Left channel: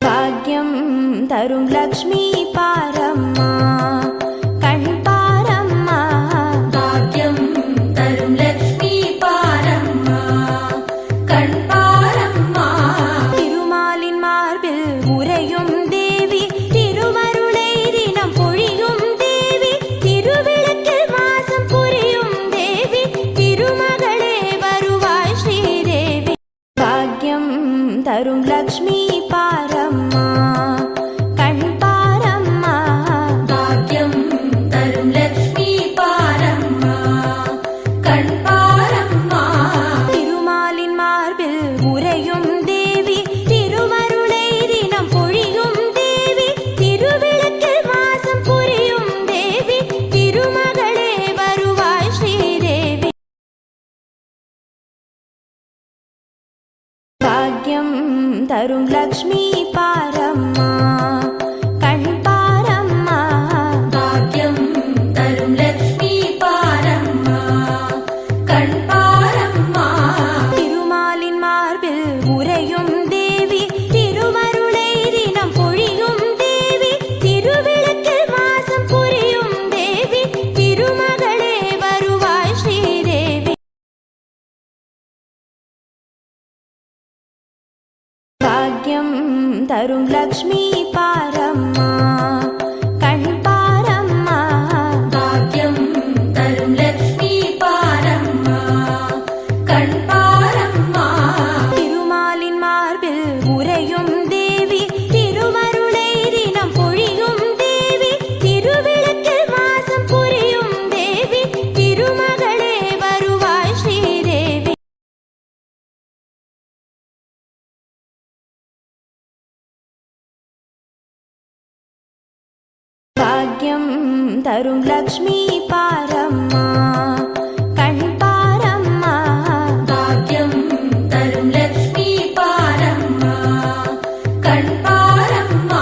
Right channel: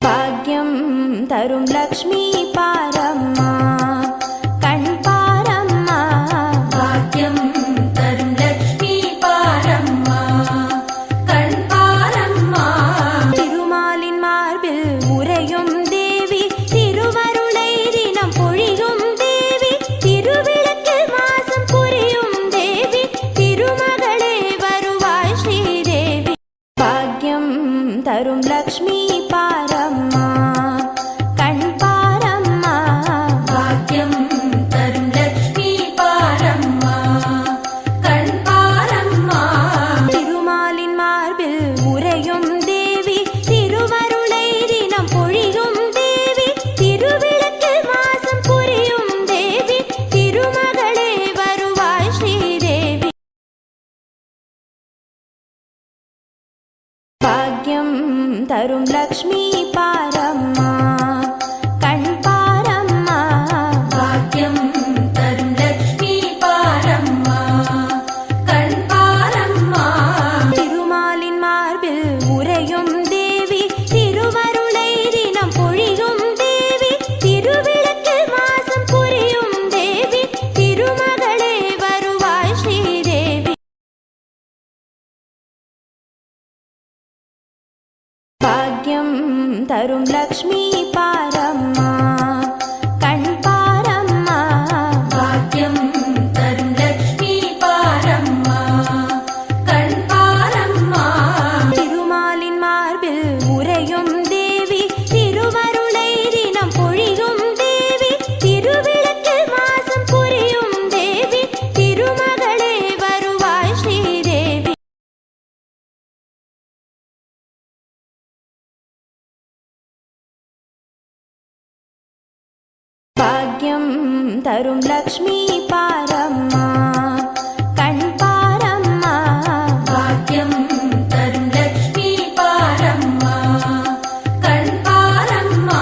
பாக்யம் தரும் லக்ஷ்மி பாரம்மா, கண் பாரம்மா. பாக்யம் தரும் லக்ஷ்மி பாரம்மா, கண் பாரம்மா. திருமாலின் மார்பில் உறையும் தேவி, திருவருளை தினம் பொழியும் தேவி, திருவிளக்கில் வாசம் புரியும் தேவி, திருமகளே வருவாய் ஸ்ரீதேவி. பாக்யம் தரும் லக்ஷ்மி பாரம்மா, கண் பாரம்மா. பாக்யம் தரும் லக்ஷ்மி பாரம்மா, கண் பாரம்மா. திருமாலின் மார்பில் உறையும் தேவி, திருவருளை தினம் பொழியும் தேவி, திருவிளக்கில் வாசம் புரியும் தேவி, திருமகளே வருவாய் ஸ்ரீதேவி. பாக்யம் தரும் லக்ஷ்மி பாரம்மா, கண் பாரம்மா. பாக்யம் தரும் லக்ஷ்மி பாரம்மா, கண் பாரம்மா. திருமாலின் மார்பில் உறையும் தேவி, திருவருளை தினம் பொழியும் தேவி, திருவிளக்கில் வாசம் புரியும் தேவி, திருமகளே வருவாய் ஸ்ரீதேவி. பாக்யம் தரும் லக்ஷ்மி பாரம்மா, கண் பாரம்மா. பாக்யம் தரும் லக்ஷ்மி பாரம்மா, கண் பாரம்மா. திருமாலின் மார்பில் உறையும் தேவி, திருவருளை தினம் பொழியும் தேவி, திருவிளக்கில் வாசம் புரியும் தேவி, திருமகளே வருவாய் ஸ்ரீதேவி. பாக்யம் தரும் லக்ஷ்மி பாரம்மா, கண் பாரம்மா. பாக்யம் தரும் லக்ஷ்மி பாரம்மா, கண் பாரம்மா.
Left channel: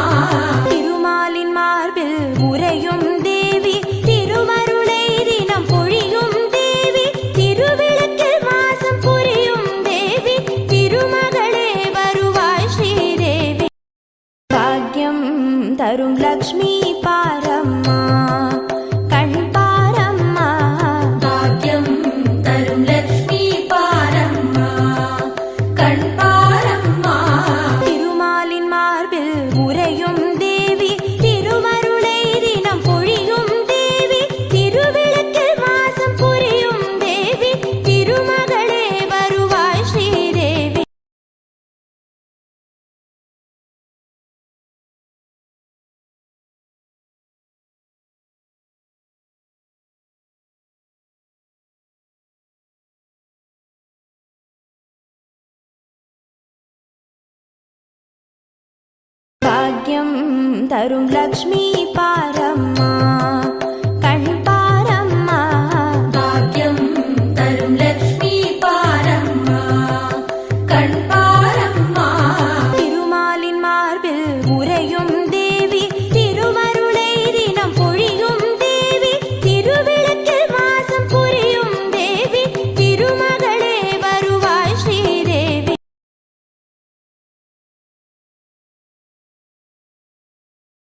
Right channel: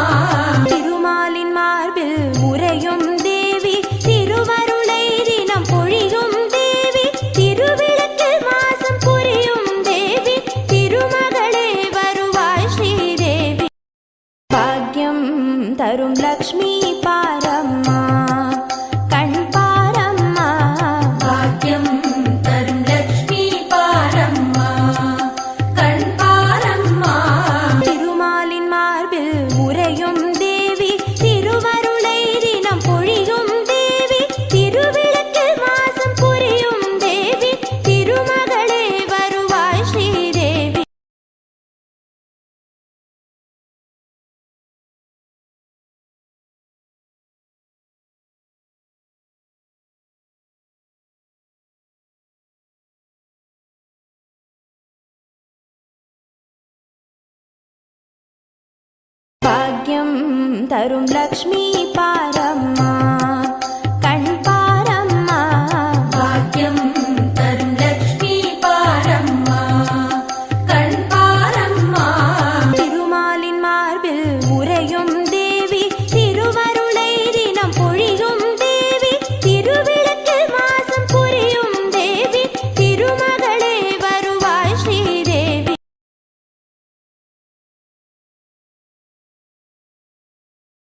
திருமாலின் மார்பில் உறையும் தேவி, திருவருளை தினம் பொழியும் தேவி, திருவிளக்கில் வாசம் புரியும் தேவி, திருமகளே வருவாய் ஸ்ரீதேவி. பாக்யம் தரும் லக்ஷ்மி பாரம்மா, கண் பாரம்மா. பாக்யம் தரும் லக்ஷ்மி பாரம்மா, கண் பாரம்மா. திருமாலின் மார்பில் உறையும் தேவி, திருவருளை தினம் பொழியும் தேவி, திருவிளக்கில் வாசம் புரியும் தேவி, திருமகளே வருவாய் ஸ்ரீதேவி. பாக்யம் தரும் லக்ஷ்மி பாரம்மா,